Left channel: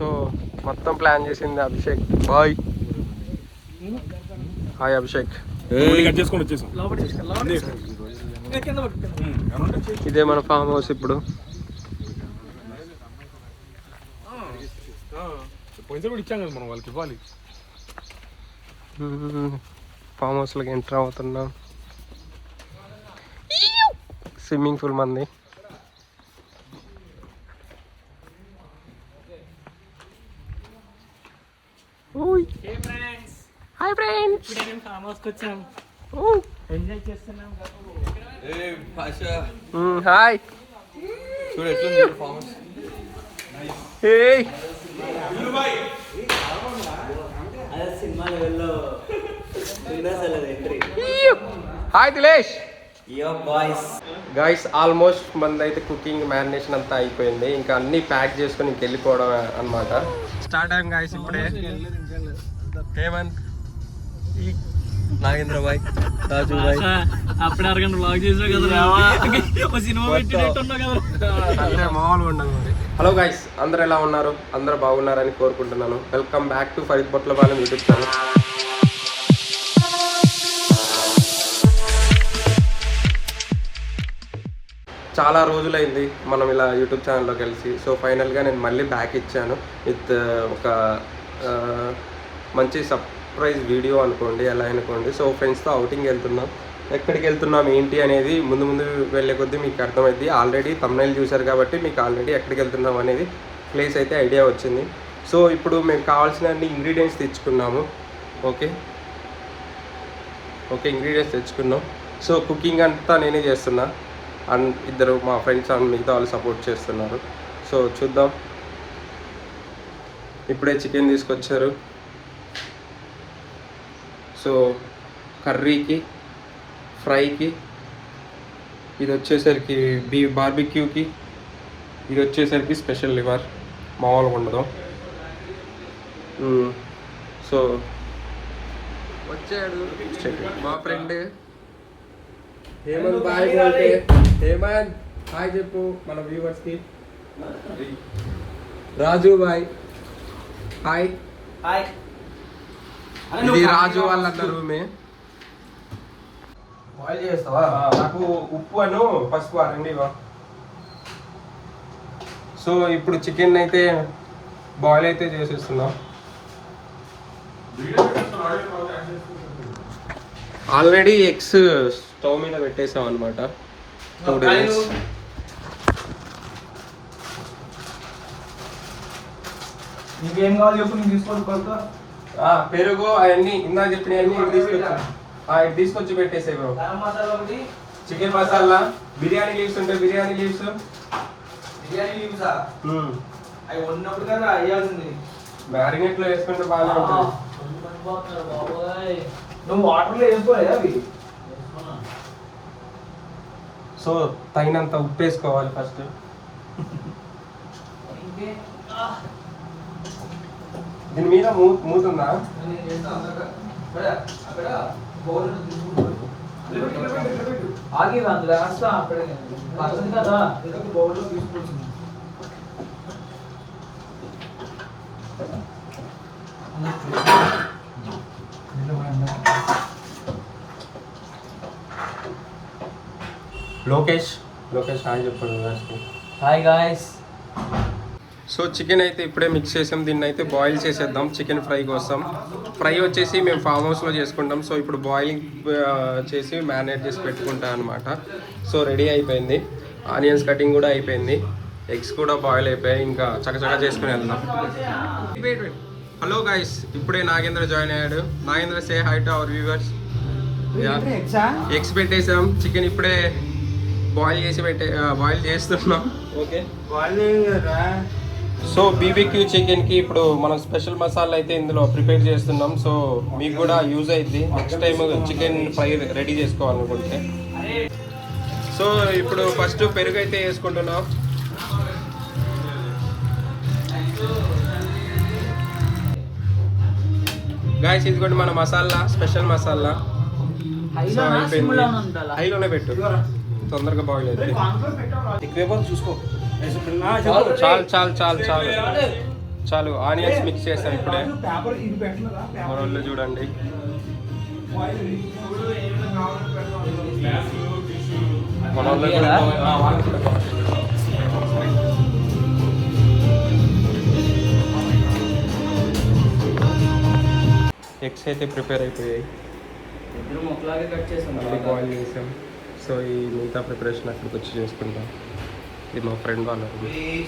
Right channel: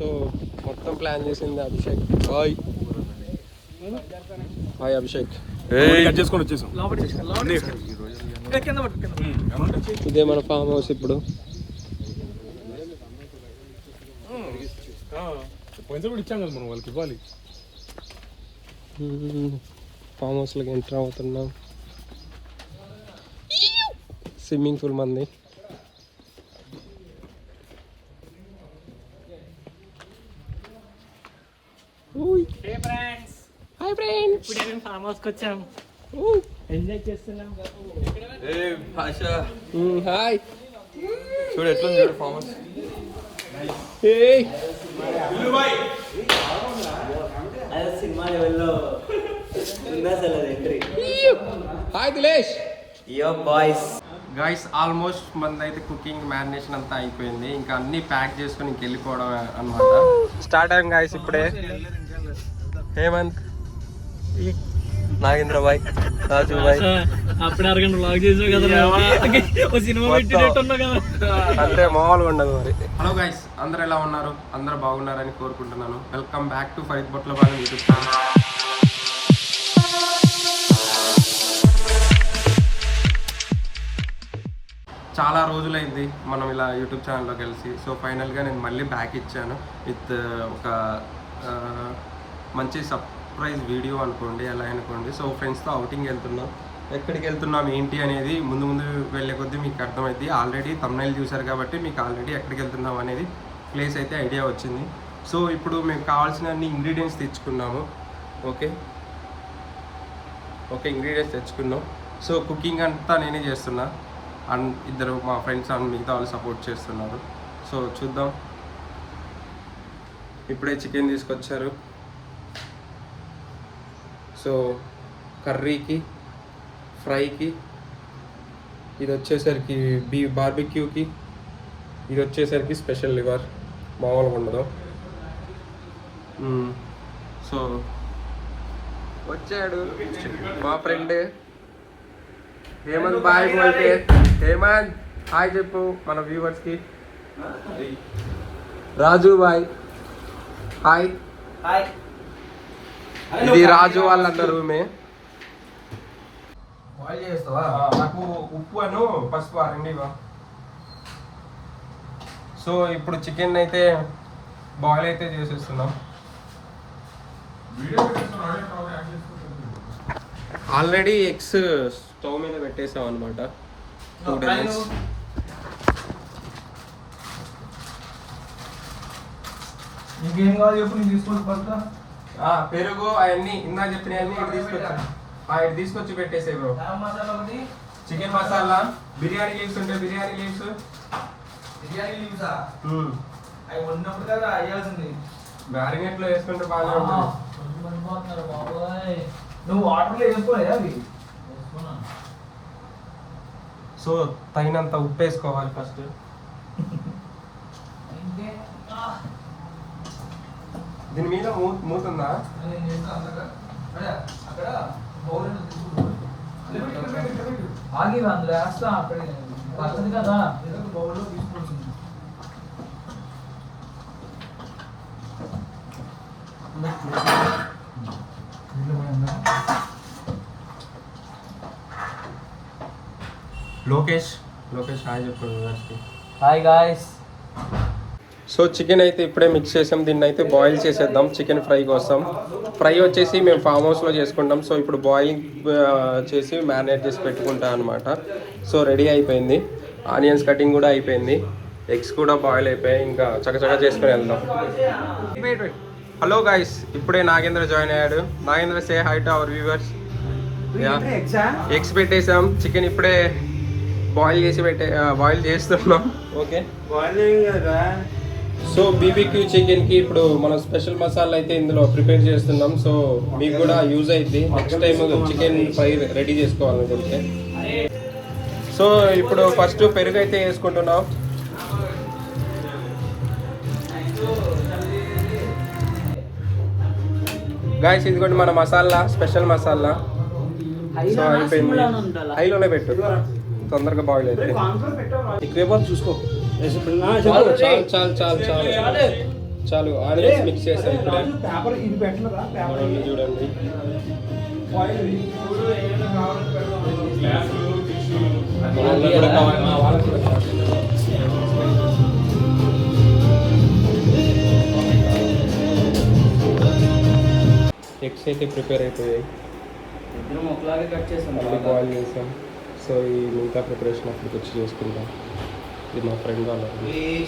So మొత్తం plan చేసింది Abhishek bye. Hi Abhishek. ఇదే మన ఫామ్ హౌస్ ఇప్పుడు. ఫామ్ హౌస్లోకి ఎంటర్ అవుతున్నాం. స్విమ్మింగ్ పూల్ మంది. Hi friends. ఫామ్ హౌస్కి వచ్చాం, ఎంజాయ్ చేస్తున్నాం. హాయ్. చూడు ఎట్లా ఫామ్ హౌస్. సినిమా లెవెల్లో hi Dileesh. Boys guys almost మనది అయితే కుకింగ్ మ్యారినేషన్ అంతా అయిపోయింది. ఇంకా అన్ని ప్యాక్ చేసుకొని ఇంకెళ్ళిపోవడం అన్నమాట. స్టార్ట్ అయ్యాం గైస్ ఇప్పుడే. హేమంత్, నాగేంద్ర బాయ్, రాజు బాయ్. అప్పుడు అరగంట బ్లాగ్ చేసావు కదా, సినిమా పెట్టేటట్టున్నావు కదా, అంతే మామూలుగా ఉండదు మరి. హలో గైస్, అందరు ఎలా ఉన్నారు? అందరు బాగున్నారని కోరుకుంటున్నాను. Welcome back to Fareed Botlapalem YouTube channel. చాలా రోజులైంది మనం ఇలా యూట్యూబ్ ఛానల్లో కలిసి. సో ఫైనల్గా నేను మళ్ళీ బ్యాక్ ఇచ్చాను విత్ ఒక మంచి సర్ప్రైజ్ వీడియో అనుకోండి, ఎలా అనుకోండి. సో ఫ్రెండ్స్తో అవుటింగ్ వెళ్తున్నాం. ఎక్కడికి వెళ్తున్నాం ఏంటి అనేది ముందు ముందు వెళ్ళే కొద్దీ మీకు అర్థమైంది. ఆల్రెడీ థంబ్నెయిల్ చూశారు కాబట్టి మీకు ఆల్రెడీ ఎక్కడికి వెళ్తున్నాం అనేది ప్లేస్ అయితే ఐడియా వచ్చింది. సో ఇప్పుడు మేము కావాల్సిన అన్ని ఇంగ్రీడియంట్స్ తెచ్చుకున్నాము. ఓకే, ఇంగ్రీడియంట్స్ తెచ్చుకున్నాం. సో కుకింగ్ అంతా నేనే చేస్తున్నా. అండ్ ఇద్దరు మా ఫ్రెండ్స్ అండ్ మిగతా వాళ్ళు సపోర్ట్ చేస్తున్నారు. సో చూద్దాం. ఇప్పుడే చికెన్ తీసుకొచ్చారు. సో కర్రీకి, ఫ్రైకి, ఇది వచ్చేసరికి బార్బిక్యూకి, ఇది వచ్చేసరికి స్పెషల్ లివర్, మామూలుగా ఉండదు. సో వచ్చాడు మా ఫ్రెండ్ హేమంత్. బాయ్ అంటే హేమంత్ హాయ్ చెప్పు మన వ్యూవర్స్కి. రాజు బాయ్ హాయ్. ఇది రాజు వాళ్ళందరూ రూమే. బాయిల్ చేస్తావా? నాకు ఉప్పు అను పసుపు రండివా. సో ఇప్పుడు చికెన్ అయితే బాయిల్ అయితే చేసేస్తున్నాం. ఆల్రెడీ ఎగ్స్ స్టవ్ మీద పెట్టేసాం అనమాట. 2 days. నీకేం కావాలి చెప్పు, నేను తీసుకొని పడతా. పెరుగు అవన్నీ ఇందా చెప్పినవన్నీ ఇటు తీసుకొచ్చాను. ఇటు తీసుకొచ్చి పెట్టేసే bro. Chicken masala, biryani leaves ఉంటే బిర్యానీ లీవ్స్. అవి ఉన్నప్పుడు కదా అయ్యాల్సింది. మ్యారినేట్లో వేసుకుంటే బాగా ఉంటుంది. నువ్వు వాటర్లో వేసుకోవాలి అవి. సో తగినంత ఉప్పు వేసుకోవాలి ఫస్ట్. దీని మీద మూతుందా? ఆగి అందులో వేస్తా అప్పుడే వస్తుంది కదా. బౌల్లో తీసుకొచ్చింది. లోకేష్ హాయ్ చెప్పండి వ్యూవర్స్కి. Hi guys. సో చికెన్ అయితే ఇప్పుడే మిక్స్ చేసాం. దీన్ని అయితే బాయిల్ చేసేద్దాం చికెన్ ఫ్రై కోసం. ఫ్రై వచ్చేసి మేము ఫామ్ హౌస్లో చేసుకుంటాం. సో ఇప్పుడు బాయిలింగ్ చేసి మ్యారినేట్ చేసి పెట్టుకుంటాం అనమాట. సో రెడీ అయిపోయింది. ఆనియన్స్ కటింగ్ కూడా అయిపోయింది. ఎగ్స్ కూడా బాయిల్ అయిపోయాయి. ఇంకా చకచకా చేసుకుని వెళ్దాం. హలో గాయ్స్, ఇప్పుడే నాగేంద్ర జాయిన్ అయ్యాడు. నాగేంద్ర సే high to our viewers. Eggs పెట్టేసాం. చికెన్ ఇప్పుడే బాయిల్ చేస్తున్నాం. ఓకే, సో బీబీక్యూ చికెన్కి ఇప్పుడు మనం స్పెషల్ మసాలా అయితే ఇందులో ప్రిపేర్ చేస్తున్నాం. సో మీకు కూడా యూజ్ అవుతుంది next time chicken fry ready చేసుకోవాలనుకుంటే. సో ఇప్పుడు ఫస్ట్ పెరుగు అయితే వేసుకుంటున్నాం. గాయస్ ఇదిగోండి మన మసాలా, స్పెషల్ మసాలా. సో అయిపోయింది. హైలోనే పెట్టు, తొందరగా బాయిల్ అవుతుంది. చూసుకో. చాలు చాలు చాలు చాలు. చాలు ఆనియన్స్ మిక్స్ చేస్తాం ఇప్పుడే. పేపర్ ఇది పెట్టలేదా మన వాళ్ళు చూడండి. మన వాళ్ళు కూడా ఎగ్స్ అయితే ప్రిపేర్ అయిపోయాయి, ఇద్దరం ఒకలాగే కట్ చేసాం. మళ్ళీ బాయిల్ చేసాం. సో ఈ మిగతా ప్రిపరేషన్ అక్కడికి వచ్చి చేసుకుంటాం. ఇది మా ఫ్రెండ్ వాళ్ళ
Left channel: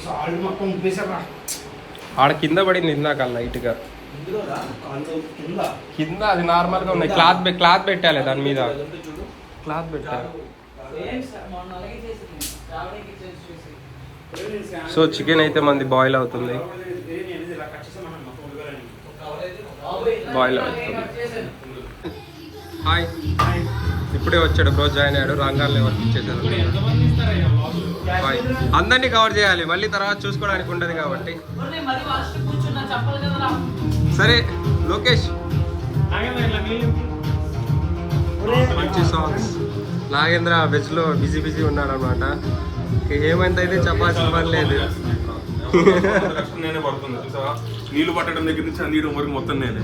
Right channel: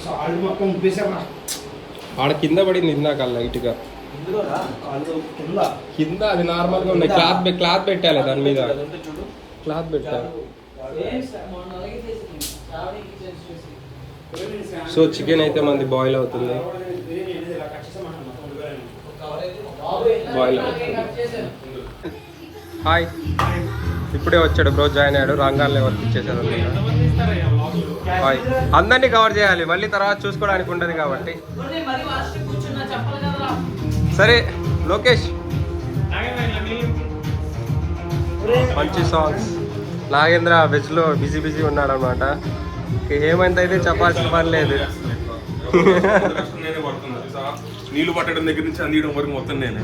సాల్ట్ మొత్తం ఉప్పేసారా ఆడ కింద పడింది ఇందాక లైట్గా కింద. అది నార్మల్గా ఉన్నాయి. క్లాత్ పెట్టాలి దాని మీద, క్లాత్ పెట్టాలి. సో చికెన్ అయితే మంది బాయిల్ అవుతుంది, బాయిల్ అవుతుంది. హాయ్, ఇప్పుడే వచ్చాడు బ్రో, జాయిన్ అయ్యాడు. రంగాల్లో వర్క్ ఇచ్చేసారు. హాయ్, అందరినీ కవర్ చేయాలి, మళ్ళీ తర్వాత చూసుకోవడానికి ఉండదు కాబట్టి. సరే లోకేష్, మంచి సాంగ్స్. నాగేంద్ర వెజ్లో బిజీ ఉన్నాడు అనమాట. హేమంత్ అయితే చెప్పాల్సిన పని లేదు. నీళ్లు పట్టడం దగ్గర నుంచి అందియడం వరకు మొత్తం నేనే.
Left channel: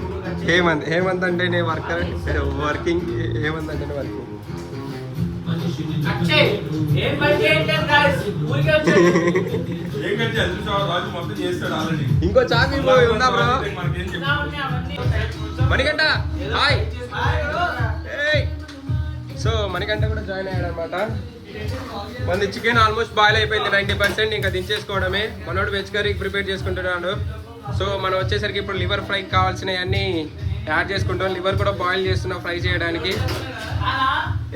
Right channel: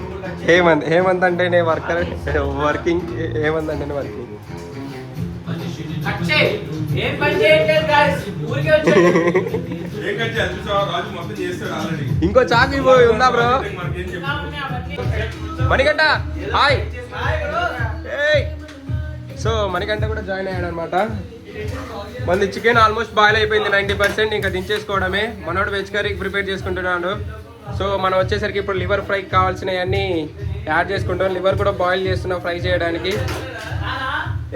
హేమంత్ అంటేనే వర్కింగ్. హేమంత్ అంటేనే వర్కింగ్. ఇంకో ఛార్జింగ్ ఉందా bro? Manikanta hi. So Manikanta కూడా జాయిన్ అయ్యాడు అనమాట. మంది చికెన్ ఆల్మోస్ట్ బాయిల్ అయిపోయింది 90%. ఇంకా దించేసుకోవడమే. మనోడు వెజ్ కర్రీకి ప్రిపేర్ చేసుకుంటున్నాడు. సో మనం వచ్చేసరికి ఇప్పుడు లివర్ ఫ్రైకి కావాల్సినవన్నీ యాడ్ చేసుకుంటాం. లివర్ కూడా బాయిల్ చేస్తున్నాం ఫ్రై చేయడానికి.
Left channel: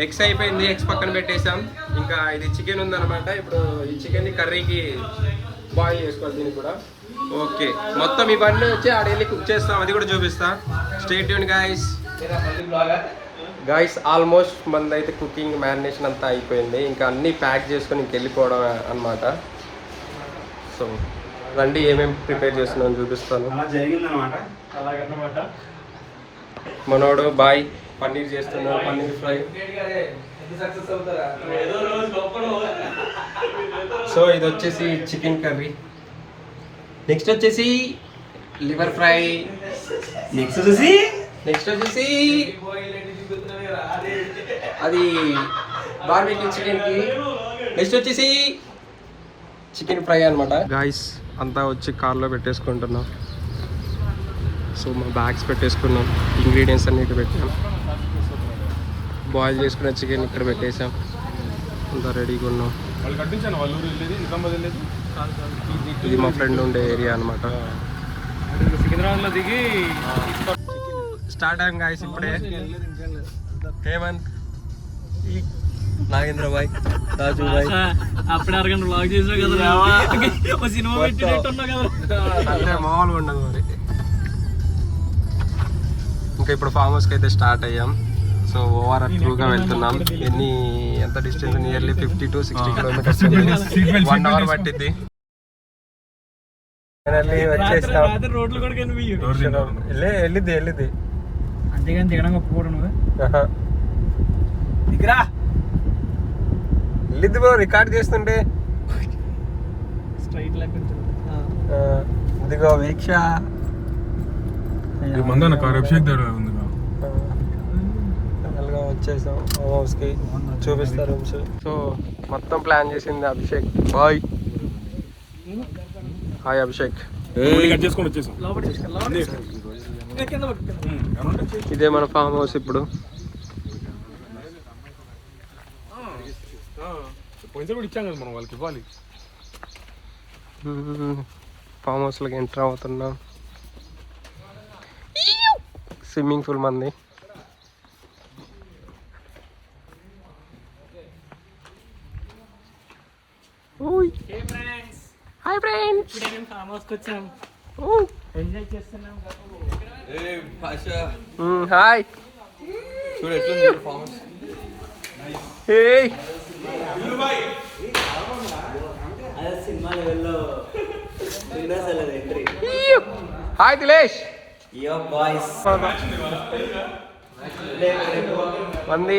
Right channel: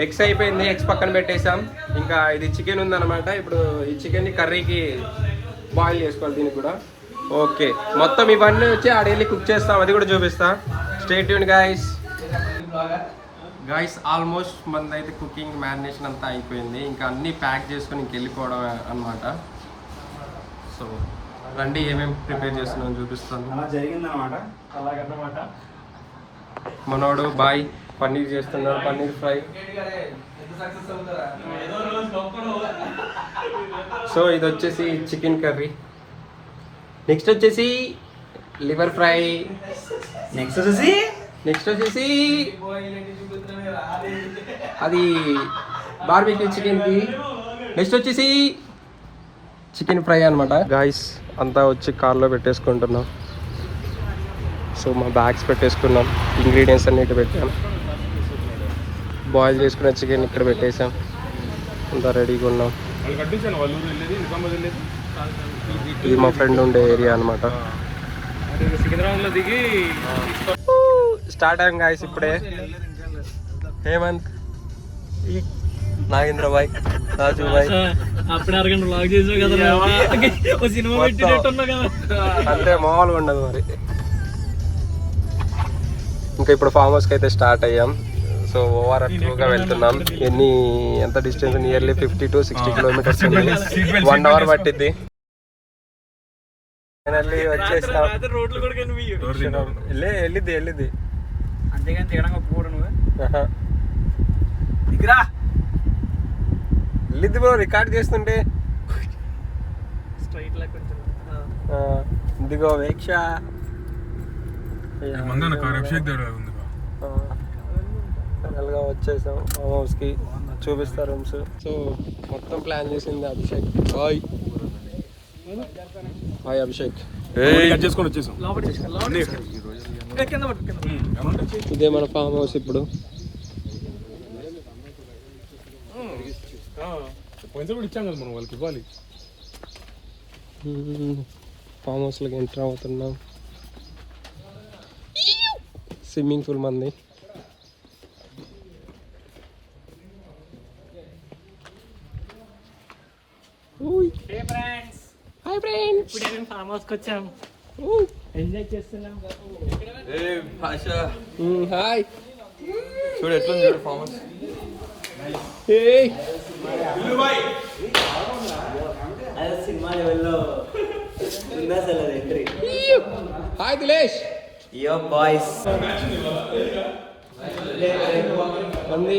ఎగ్స్ అయిపోయింది, ఎగ్స్ పక్కన పెట్టేసాం. ఇంకా ఇది చికెన్ ఉందన్నమాట. ఇప్పుడు ఈ చికెన్ కర్రీకి బాయిల్ చేసుకోవాలి దీన్ని కూడా. ఓకే, మొత్తం ఇవన్నీ వచ్చి ఆడెళ్ళి కుక్ చేస్తాం, అది కూడా చూపిస్తా. Stay tune guys. ఆల్మోస్ట్ మనది అయితే కుకింగ్ మ్యారినేషన్ అంతా అయిపోయింది. ఇంకా అన్నీ ప్యాక్ చేసుకొని ఇంకెళ్ళిపోవడం అనమాట. సో రండి, ఏమేమి ప్రిపేర్ చేస్తున్నాను చూపిస్తాను. మనోడు బాయ్ పన్నీర్ చేస్తున్నాడు, పన్నీర్ ఫ్రై. సో ఇది వచ్చేసి చికెన్ కర్రీ. నెక్స్ట్ వచ్చేసి లివర్ ఫ్రై. నెక్స్ట్ వచ్చేసి అది బార్బిక్యూ చికెన్కి. నెక్స్ట్ వచ్చేసి చికెన్ ఫ్రై అనమాట. గాయస్ అంతా వచ్చి కార్లో పెట్టేసుకుంటున్నాం. సో మా బ్యాగ్స్ పెట్టేసుకున్నాం, ఇంగ్రీడియంట్స్ అన్ని ఇక్కడ పెట్టాం. బాయిల్ చేసుకున్న చికెన్ ఇక్కడ పెట్టేసాం, అంతా రెడీగా ఉన్నాం. ఇది మా ఫ్రెండ్ ఉండే ఏరియా అనమాట. స్టార్ట్ అయ్యాం గాయస్ ఇప్పుడే. హేమంత్, నాగేంద్ర బాయ్, రాజు బాయ్. అప్పుడు అరగంట బ్లాగ్ చేసావు కదా, ఒక సినిమా పెట్టేటట్టు ఉన్నావు కదా. అంతే, మామూలుగా ఉండదు మరి. ఇంకా ఇప్పుడు ఫామ్ హౌస్కి అయితే స్టార్ట్ అయ్యాం. సో ఓవరాల్ గా వెళ్తున్నాం. ఎంత distance? Nearly 50 to 60 kilometres. 1 hour పట్టింది. వచ్చేస్తాం. వెళ్ళిద్ది అంతేగాని తినడం పోడు నువ్వు. వెళ్ళిద్ది బ్రో, రికార్డ్ చేస్తుంటే. స్ట్రైట్ లేకుండా ఇదిగో వీక్ష వచ్చేసాం హౌస్కి. చూపిస్తారు రూమ్స్. సో మొత్తం ప్లాన్ చేసింది అభిషేక్ బాయ్. హాయ్ అభిషేక్. ఇదే మన ఫామ్ హౌస్ ఇప్పుడు. ఇచ్చాం కదా మనం వాళ్ళకి ఇవ్వాలి. ఫామ్ హౌస్లోకి ఎంటర్ అవుతున్నాం. స్విమ్మింగ్ పూల్ మంది. హాయ్ ఫ్రెండ్స్, ఫామ్ హౌస్కి వచ్చాను, ఎంజాయ్ చేస్తున్నాం. హాయ్. చూడు ఎట్లా ఫామ్ హౌస్. సినిమా లెవెల్లో ఎంట్రీ. హాయ్ దిలేష్. మంది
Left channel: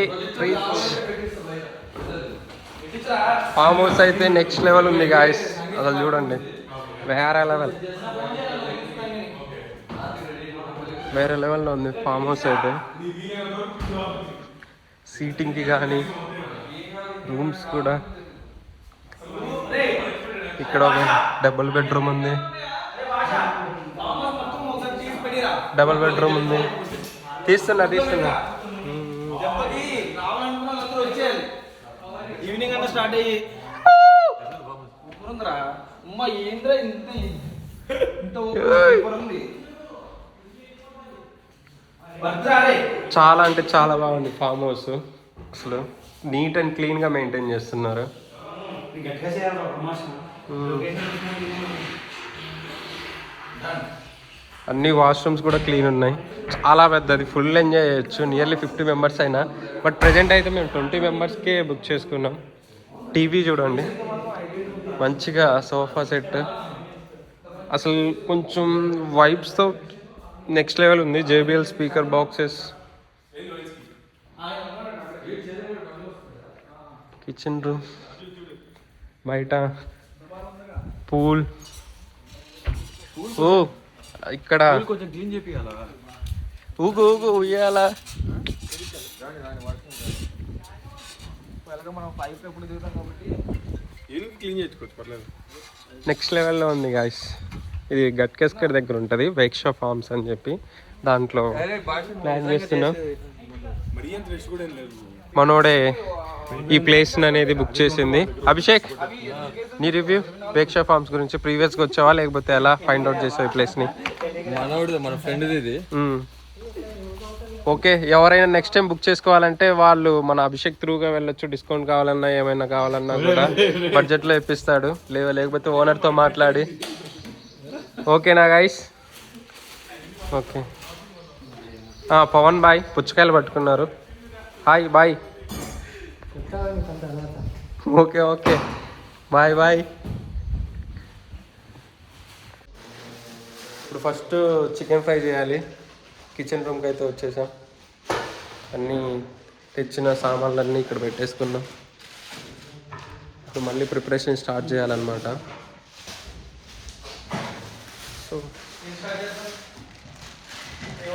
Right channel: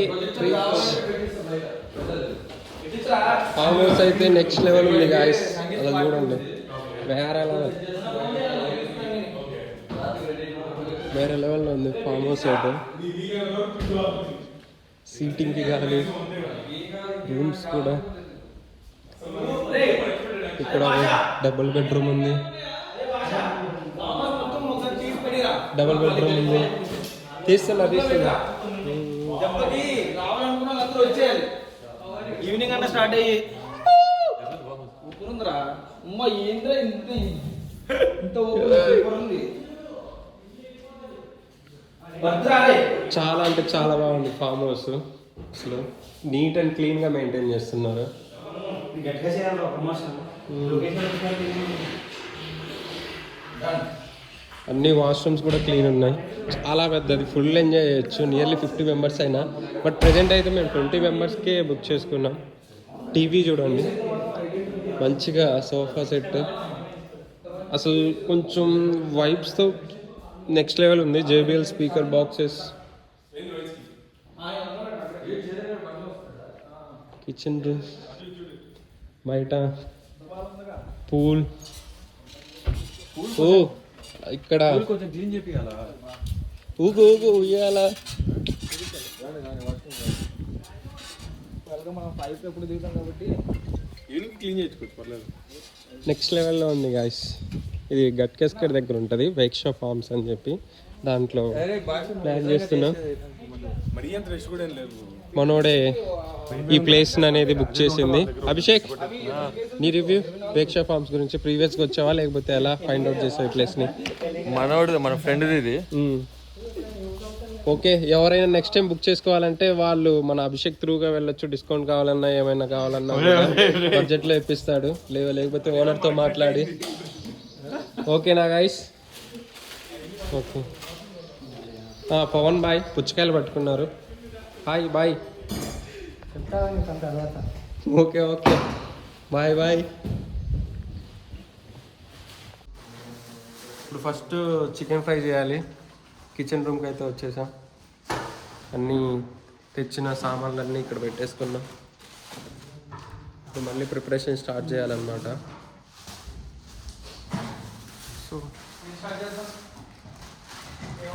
ఫామ్ హౌస్ అయితే నెక్స్ట్ లెవెల్ ఉంది గాయస్. అసలు చూడండి, వేరే లెవెల్. వేరే లెవెల్లో ఉంది ఫామ్ హౌస్ అయితే. సీటింగ్కి కానీ రూమ్స్ కూడా. ఇక్కడ ఒక డబుల్ బెడ్రూమ్ ఉంది. డబుల్ బెడ్రూమ్ ఉంది. తీస్తున్నా. ఈవినింగ్ అన్న స్టార్ట్ అయ్యి అమ్మా ఏంద్రా ఇంత ఉంది. చాలా అంటే చాలా బాగుంది ఫామ్ హౌస్. అసలు నీట్ అండ్ క్లీన్గా మెయింటైన్ చేస్తున్నారు. అన్ని వాష్రూమ్స్ కూడా క్లీన్ ఉన్నాయి. చాలా పెద్దది, ఫుల్ ఎంజాయ్ చేయొచ్చు. నియర్లీ 50 మెంబర్స్ అయినా. బట్ ప్రజెంట్ అయితే మేము 20 మెంబర్స్కే బుక్ చేసుకున్నాం. టీవీ చూడండి, మంచిగా సోఫా సెట్, అసలు కొంచెం వైబ్స్తో నెక్స్ట్ లెవెల్ ఉంది. JBL speaker boxes, kitchen room, బయట పూల్. ఓ ఇక్కడ కొంచెం క్లీన్ చేపియాలా? ఊగు ఉయ్యాలా. మనం పైప్ ఎప్పుడు దిగుతాం కాబట్టి క్లీన్ చేసుకోవచ్చు, పర్లేదు. నెక్స్ట్ లెవెల్లో ఉంది గాయస్. ఇది గట్కేస్కర్ దగ్గర ఉంటుంది, వైక్షా ఫార్మ్స్ అని చెప్పి. దాంట్లో ప్లాన్ చేస్తున్నాం. మరీ అంత రెస్ట్ కూడా ఏం లేదు. మనోడే ఈ ప్లేస్ అనేది బుక్ చేసింది. అభిషేక్, నీ రివ్యూ వేక్షా ఫార్మ్స్ గురించి. ప్రీవియస్గా వచ్చావా లేకపోతే ఎలా ఫైండ్ అవుట్ చేసావు ఈ ప్లేస్ని? మన ఫ్రెండ్ ఇది. ఓకే, ఎవరైనా నెక్స్ట్ టైం బుక్ చేసుకోవాలంటే వాళ్ళు మన అభిషేక్ త్రూగా వెళ్ళొచ్చు. డిస్కౌంట్ కావాలన్నా ఏమైనా కావాలన్నా కూడా బడ్జెట్లో ఇప్పిస్తాడు. లేకపోతే ఓనర్తో మాట్లాడి. ఓకేనా గైస్? ఓకే. పవన్ బాయ్ పుచ్చకాయలు పట్టుకున్నారు. హాయ్ బాయ్. ఓకే బాయ్. ఇప్పుడు ఫస్ట్ చికెన్ ఫ్రై చేయాలి. కిచెన్ రూమ్కి అయితే వచ్చేసాం. అన్నీ తెచ్చిన సామాన్లన్నీ ఇక్కడ పెట్టేసుకున్నాం. ఇప్పుడు మళ్ళీ ప్రిపరేషన్ స్టార్ట్ చేయాలన్నమాట. సో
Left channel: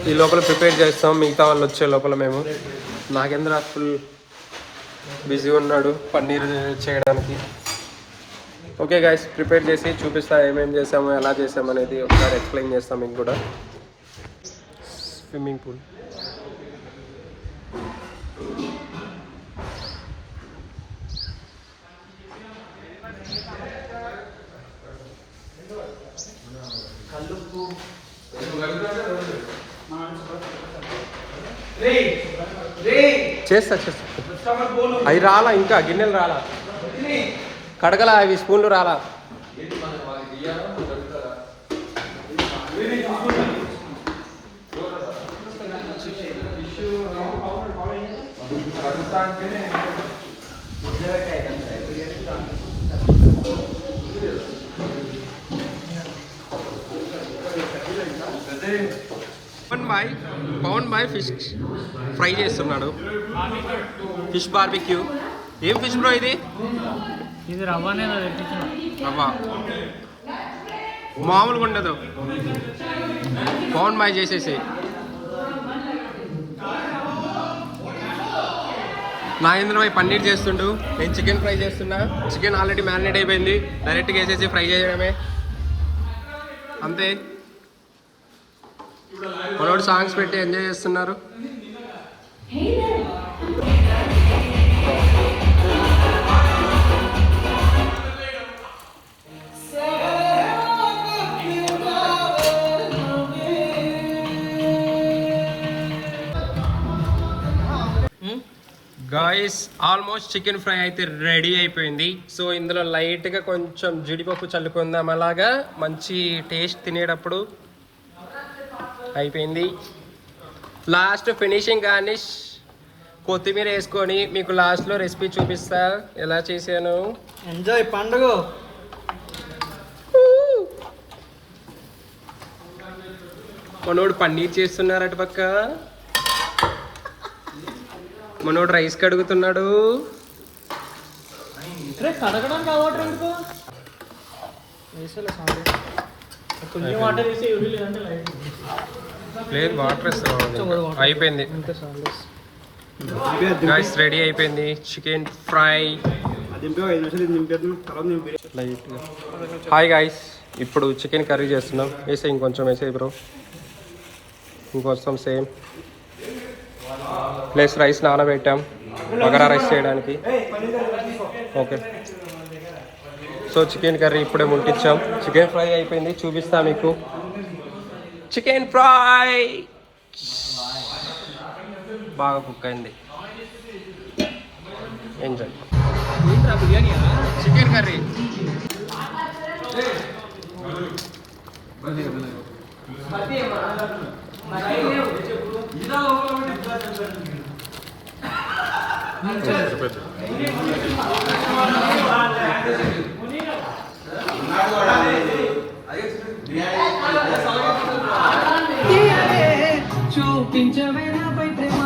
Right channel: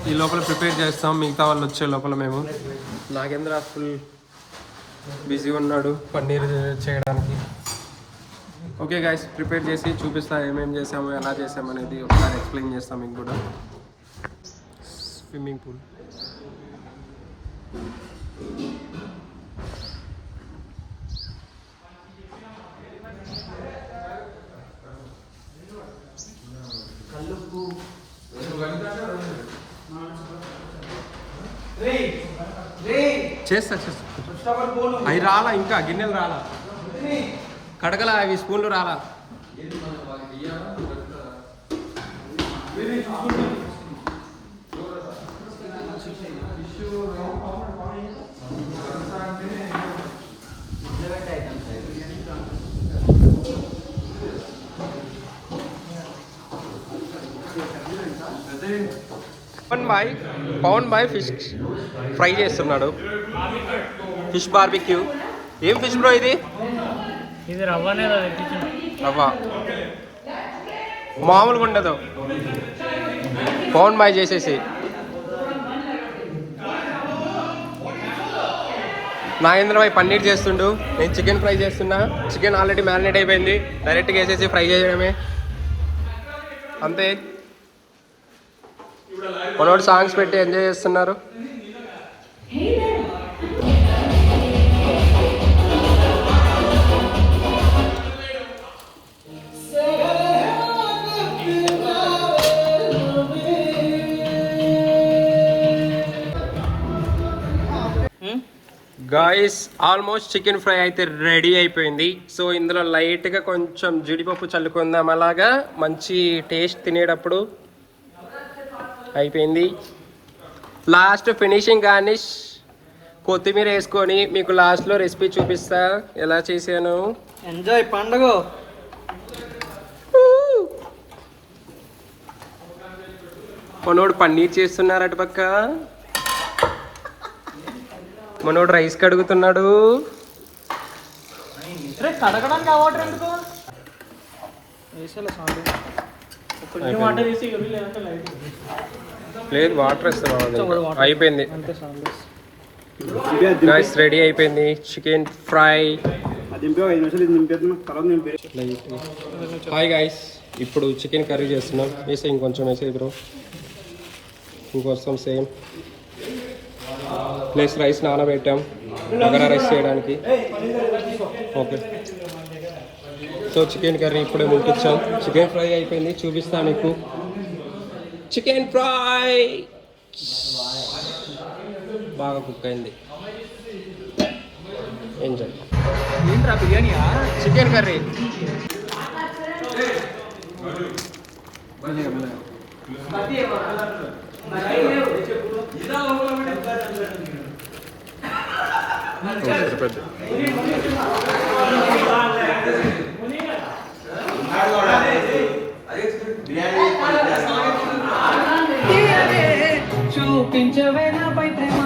ఈ లోపల ప్రిపేర్ చేస్తాం. మిగతా వాళ్ళు వచ్చే లోపల మేము. నాగేంద్ర ఫుల్ బిజీ ఉన్నాడు పన్నీర్ చేయడానికి. ఓకే గైస్, ప్రిపేర్ చేసి చూపిస్తా ఏమేమి చేసాము, ఎలా చేసాము అనేది ఒకసారి ఎక్స్ప్లెయిన్ చేస్తాం మీకు కూడా. స్విమ్మింగ్ పూల్, చేస్తా. అవి రాలా, ఇంకా గిన్నెలు రాలా, కడగలా, అవి స్పూన్లు రాలా. పవన్ బాయ్ ఫిష్ ఫ్రై చేస్తున్నాడు. Fish barbecue. ఏం ఫిష్ బ్రో ఇది? ఇది రవ్వనే రవ్వ, మామూలుగా ఉండదు. పవన్ బాయ్ చేసేసి నాగేంద్ర బాయ్ పన్నీర్ చేస్తుండు. నేను చికెన్ ఫ్రై చేస్తున్నా. చికెన్ ఆల్రెడీ మ్యారినేట్ అయిపోయింది. డైరెక్ట్గా వేసేసి ఫ్రై చేయడమే, అంతే. మనోడు సాంగ్స్ పెట్టి ఎంజాయ్ చేస్తున్నారు. గాయస్, ఆల్మోస్ట్ చికెన్ ఫ్రై అయితే రెడీ అయిపోయింది. సో ఇందులో లైట్గా కొంచెం జీడిపప్పు చల్లుకుందాం, అలాగా మంచి టేస్ట్ తినేటప్పుడు అయిపోయింది. లాస్ట్ ఫినిషింగ్ గార్నిష్ కొత్తిమీర వేసుకొని మీకు లాస్ట్లో రెసిపీ చూపిస్తా ఎలా చేశాను. ఎంజాయ్ పండుగ. మనోడు పన్నీర్ చేస్తున్నారు అటు పక్క, మనోడు రైస్ కడుగుతున్నాడు. లేదు వాటర్ ఇస్తాను అయిపోయింది అంతే సార్. గైస్ రెడీ అయిపోయింది చికెన్ ఫ్రై హాయ్ గైస్ ఇప్పుడు చికెన్ కర్రీ చేస్తున్నాం వేసే ఇంకొంచెం వేసే బ్రో ఇంకొంచెం సేమ్ ప్లస్ రైస్ నానబెట్టాం బగారా రైస్ చేయడానికి ఓకే సో చికెన్ కర్రీ ఇప్పుడే ముట్టించాం చికెన్ ఫ్రై అయిపోయింది చూపిస్తా మీకు చికెన్ ఫ్రై బాగా కుక్ అయింది ఎంజాయ్ చికెన్ కర్రీ చూపించవే నాపై ప్రేమ